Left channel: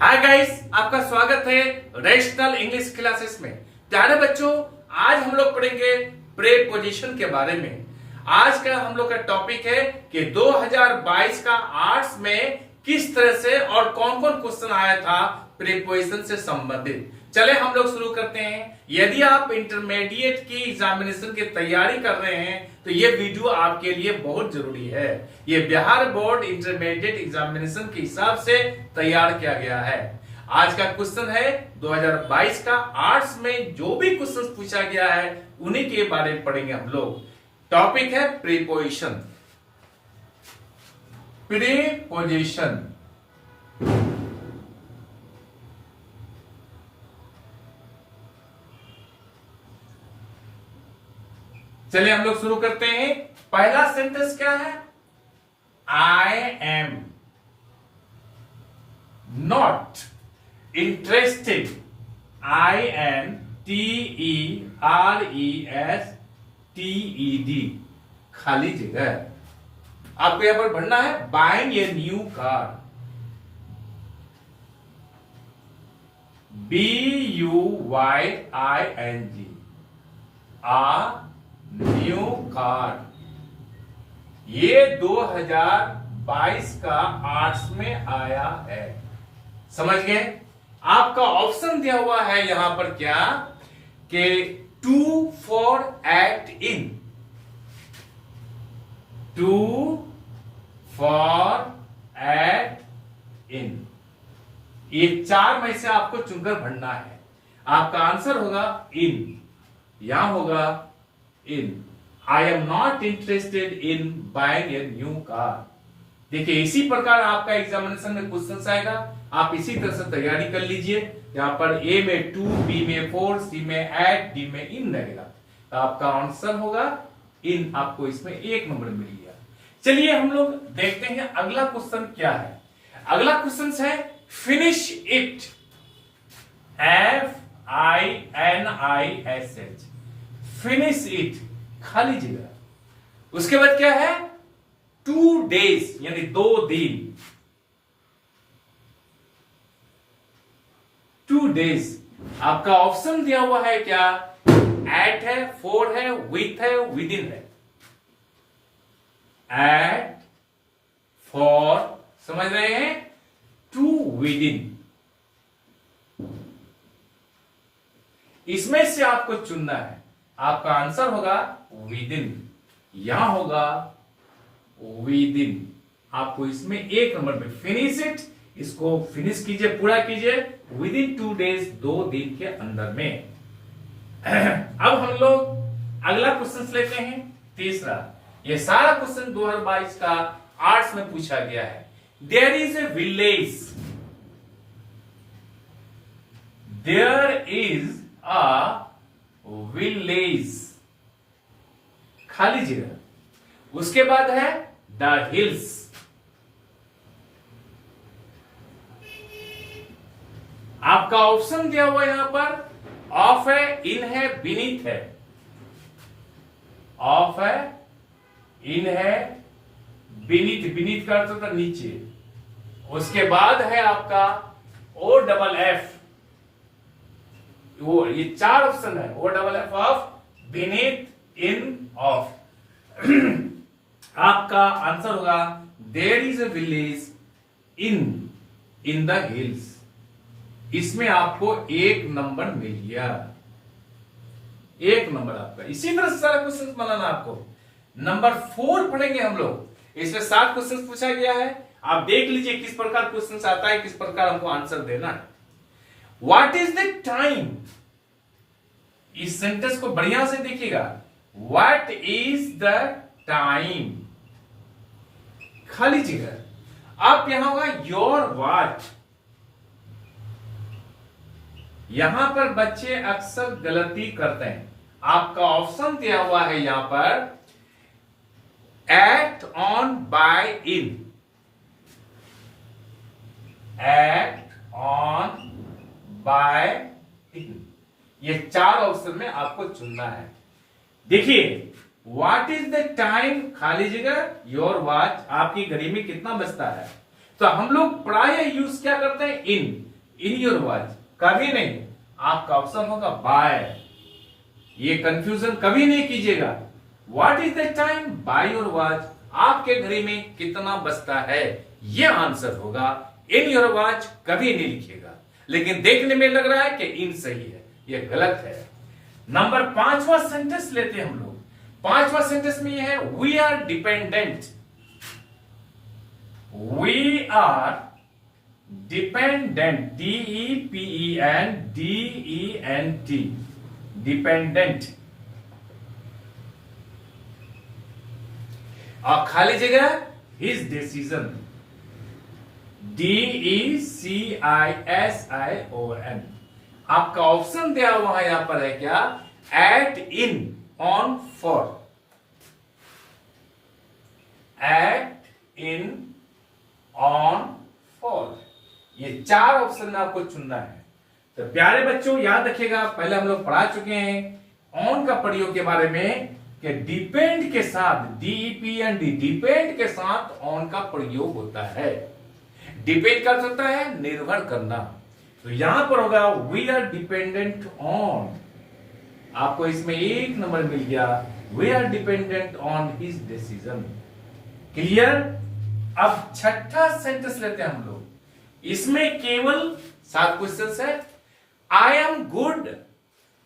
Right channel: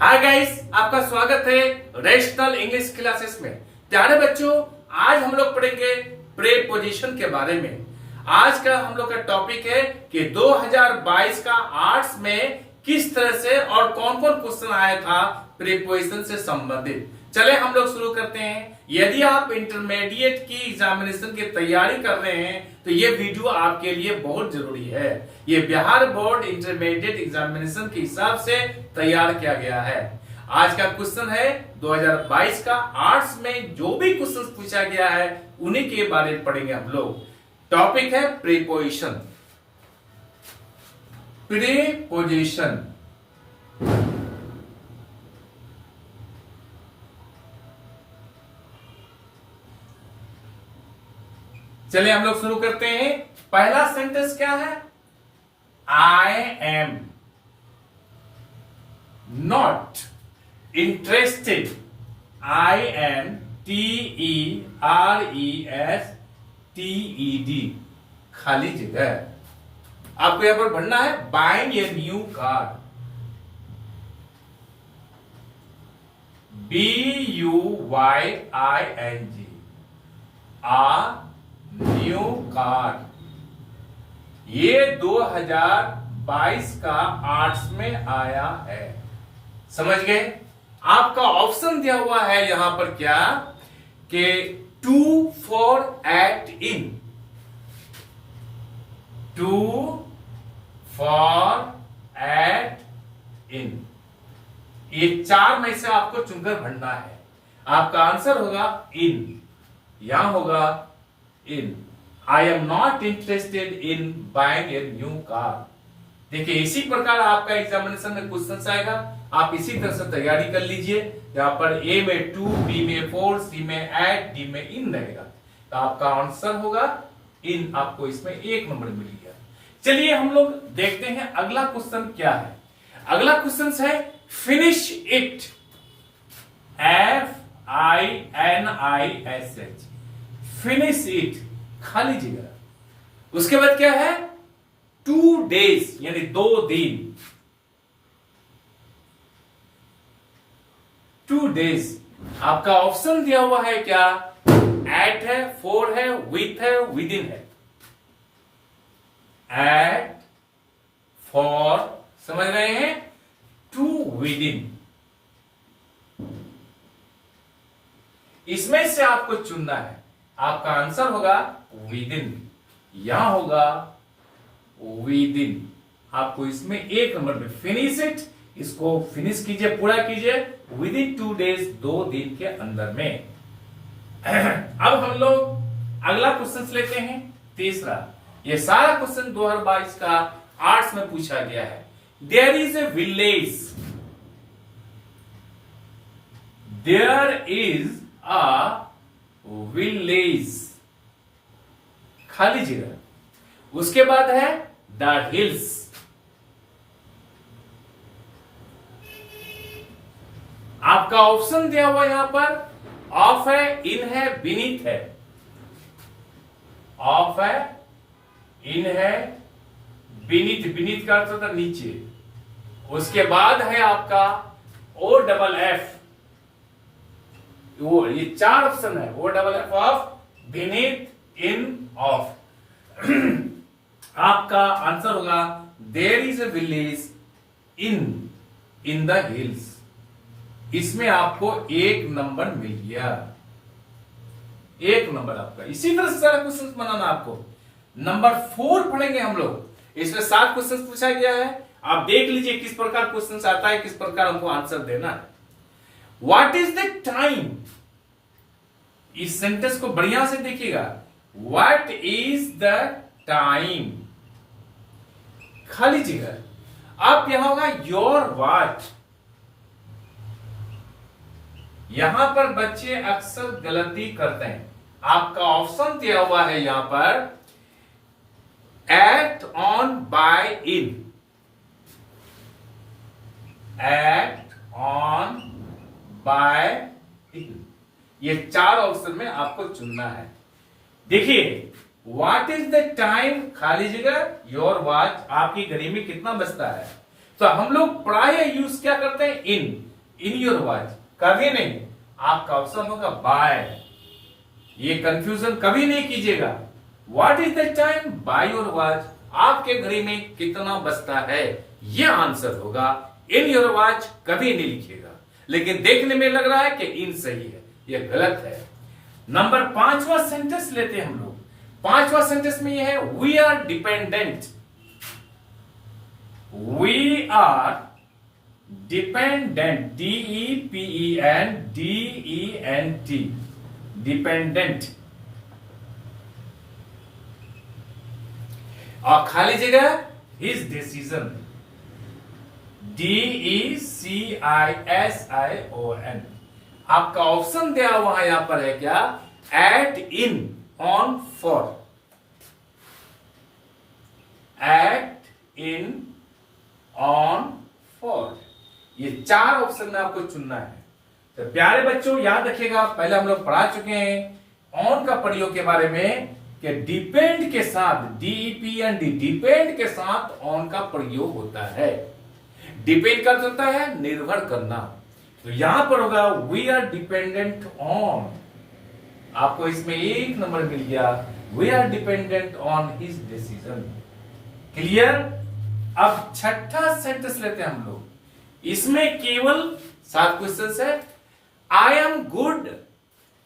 Hi guys, आपका स्वागत है रेशनल इंग्लिश क्लासेस में। प्यारे बच्चों, आज हम लोग पढ़ेंगे प्रीपोजिशन के बारे में। आज का हम लोग का टॉपिक है कि 2022 का आर्ट्स में किस तरह से और कौन कौन क्वेश्चन आया था प्रीपोजिशन से संबंधित। चले हम लोग शुरू करते हैं। यदि आप इंटरमीडिएट की एग्जामिनेशन की तैयारी कर रहे हैं तो ये वीडियो आपके लिए बहुत जरूरी है। ये बिहार बोर्ड इंटरमीडिएट एग्जामिनेशन के हिसाब से तैयार किया गया है। आज का क्वेश्चन है 2022 का आर्ट्स में जो भी क्वेश्चन पूछा गया है उन्हीं के बारे में पढ़ेंगे हम लोग। टॉपिक है प्रीपोजिशन। प्रीपोजिशन चलिए हम लोग शुरू करते हैं। पहला सेंटेंस क्या है? आई am not interested. I am TERESTED, खाली जगह। आपको यहां पर पढ़ना है buying a new car. BUYING, new car. ये 2022 का आर्ट्स में आया है। समझ गए? आपका ऑप्शन दिया हुआ है यहां पर क्या कि to for at in, to for at in. ये चार में से आपको चुनकर भरना है। आपका आंसर होगा इन। यहां होगा in. I am not interested in buying a new car. देखिए, इसी प्रकार आपका एग्जामिनेशन में क्वेश्चन आएगा। आप इसी तरह से तैयारी कर लीजिए। यहां पर ए में 2, बी में 4, सी में 8, डी में इन रहेगा। तो आपका आंसर होगा इन। आपको इसमें 1 नंबर मिल गया। चलिए हम लोग देखते हैं अगला क्वेश्चन क्या है। अगला क्वेश्चन है finish it. FINISH, finish it, खाली जगह। उसके बाद क्या है? 2 days, यानी 2 दिन। 2 days। आपका ऑप्शन दिया हुआ है क्या? एट है, फॉर है, विथ है, विद इन है। एट, फॉर, समझ रहे हैं? To, with in. इसमें से आपको चुनना है। आपका आंसर होगा विद इन। यहां होगा विद इन। आपको इसमें 1 नंबर में फिनिश इट, इसको फिनिश कीजिए, पूरा कीजिए विद इन 2 days, 2 दिन के अंदर में। अब हम लोग अगला क्वेश्चन लेते हैं, तीसरा। ये सारा क्वेश्चन 2022 का आर्ट्स में पूछा गया है। There is a village. There is a village, खाली जगह। उसके बाद है द हिल्स। आपका ऑप्शन दिया हुआ यहां पर ऑफ है, इन है, बीनीथ है। ऑफ है, इन है, बीनीथ। बीनीथ का अर्थ होता है नीचे। उसके बाद है आपका OFF। वो ये 4 ऑप्शन है। OFF, off, beneath, in, of. आपका आंसर होगा there is a village in the hills. इसमें आपको 1 नंबर मिल गया। 1 नंबर आपका। इसी तरह से सारा क्वेश्चन बनाना आपको। नंबर 4 पढ़ेंगे हम लोग। इसमें 7 क्वेश्चन पूछा गया है। आप देख लीजिए किस प्रकार क्वेश्चन आता है, किस प्रकार हमको आंसर देना है। What is the time? इस सेंटेंस को बढ़िया से देखिएगा। व्हाट इज द टाइम, खाली जगह। आप यहां होगा योर वॉच। यहां पर बच्चे अक्सर गलती करते हैं। आपका ऑप्शन दिया हुआ है यहां पर act, on, by, in. Act, on, by, in. ये 4 ऑप्शन में आपको चुनना है। देखिए, व्हाट इज द टाइम, खाली जगह, योर वॉच, आपकी घड़ी में कितना बजता है। तो हम लोग प्राय यूज क्या करते हैं? इन योर वॉच, कभी नहीं। आपका ऑप्शन होगा बाय। ये कंफ्यूजन कभी नहीं कीजिएगा। What is the time? By your watch. आपके घड़ी में कितना बजता है, ये आंसर होगा। इन योर वॉच कभी नहीं लिखिएगा, लेकिन देखने में लग रहा है कि इन सही है, ये गलत है। नंबर 5वां सेंटेंस लेते हैं हम लोग। 5वां सेंटेंस में ये है we are dependent. We are dependent, DEPENDENT, dependent. और खाली जगह हिज डिसीजन, DECISION। आपका ऑप्शन दिया हुआ है यहां पर है क्या? At, in, on, for. At, in, on, for, ये 4 ऑप्शन में आपको चुनना है। तो प्यारे बच्चों याद रखिएगा, पहले हम लोग पढ़ा चुके हैं ऑन का प्रयोग के बारे में कि डिपेंड के साथ, DEPEND, डिपेंड के साथ ऑन का प्रयोग होता है। डिपेंड कर सकता है निर्भर करना। तो यहां पर होगा वी आर डिपेंडेंट ऑन। आपको इसमें 1 नंबर मिल गया। We are dependent on his decision. Clear? अब 6ठा सेंटेंस लेते हैं हम लोग। इसमें केवल 7 क्वेश्चंस है। आई am good,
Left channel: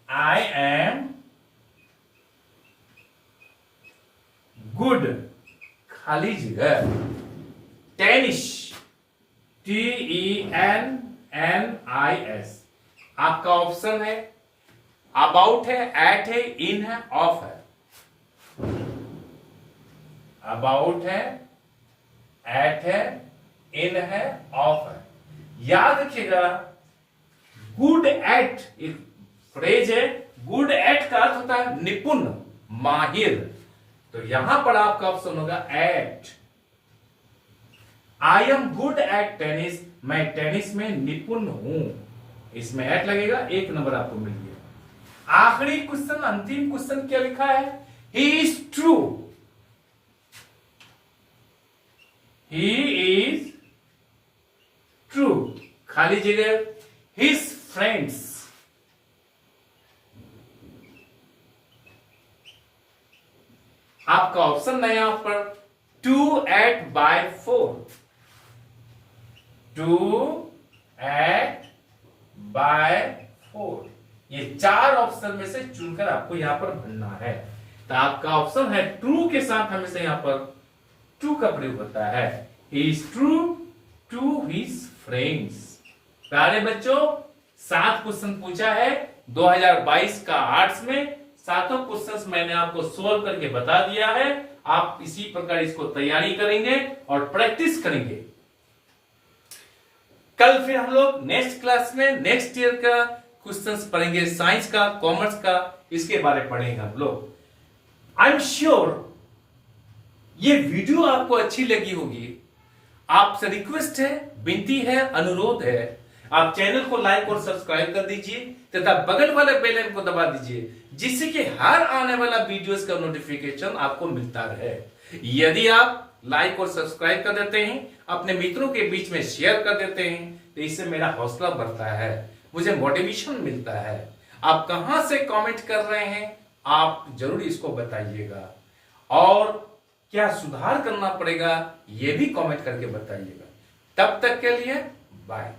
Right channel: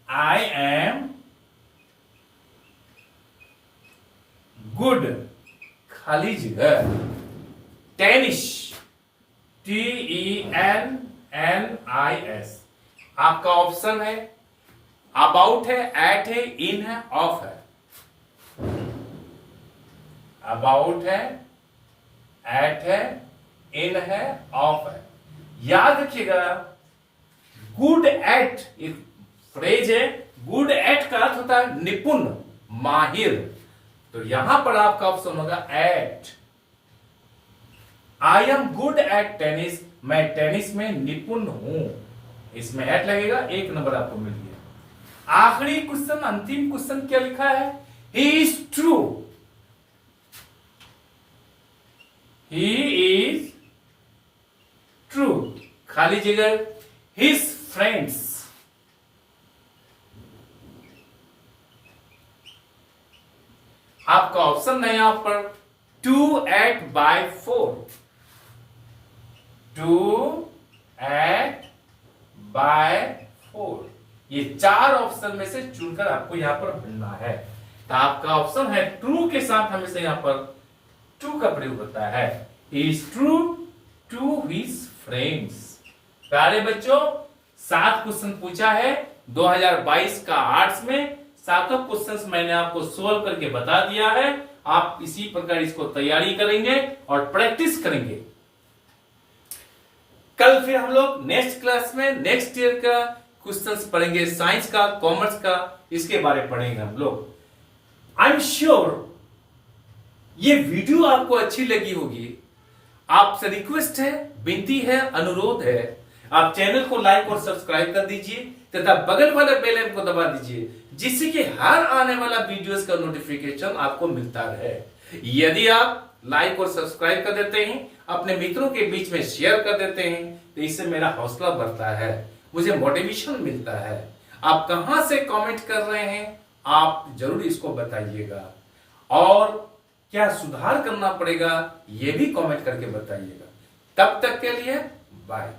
I am good, खाली जगह, टेनिस, TENNIS। आपका ऑप्शन है अबाउट है, एट है, इन है, ऑफ है। अबाउट है, एट है, इन है, ऑफ है। याद रखिएगा गुड एट एक फ्रेज है। गुड एट का अर्थ होता है निपुण, माहिर। तो यहां पर आपका ऑप्शन होगा at. I am good at tennis, मैं टेनिस में निपुण हूं। इसमें एट लगेगा, 1 नंबर आपको मिल गया। आखिरी क्वेश्चन, अंतिम क्वेश्चन क्या लिखा है? He is true, he is true, खाली जगह, हिज फ्रेंड्स। आपका ऑप्शन है यहां पर 2 at by 4, 2 at by 4। ये 4 ऑप्शन में से चुनकर आपको यहां पर भरना है। तो आपका ऑप्शन है ट्रू के साथ हमेशा यहां पर ट्रू का प्रयोग होता है। He is true to his friends। प्यारे बच्चों 7 क्वेश्चन पूछा है 2022 का आर्ट्स में। 7 क्वेश्चंस मैंने आपको सोल्व करके बता दिया है। आप इसी प्रकार इसको तैयारी करेंगे और प्रैक्टिस करेंगे। कल फिर हम लोग नेक्स्ट क्लास में नेक्स्ट ईयर का क्वेश्चंस पढ़ेंगे, साइंस का, कॉमर्स का, इसके बारे में पढ़ेंगे हम लोग। आई एम श्योर ये वीडियो आपको अच्छी लगी होगी। आपसे रिक्वेस्ट है, विनती है, अनुरोध है, आप चैनल को लाइक और सब्सक्राइब कर दीजिए तथा बगल वाले बेल आइकन को दबा दीजिए, जिससे कि हर आने वाला वीडियोस का नोटिफिकेशन आपको मिलता रहे। यदि आप लाइक और सब्सक्राइब कर देते हैं, अपने मित्रों के बीच में शेयर कर देते हैं, तो इससे मेरा हौसला बढ़ता है, मुझे मोटिवेशन मिलता है। आप कहां से कमेंट कर रहे हैं, आप जरूर इसको बताइएगा, और क्या सुधार करना पड़ेगा ये भी कमेंट करके बताइएगा। तब तक के लिए बाय।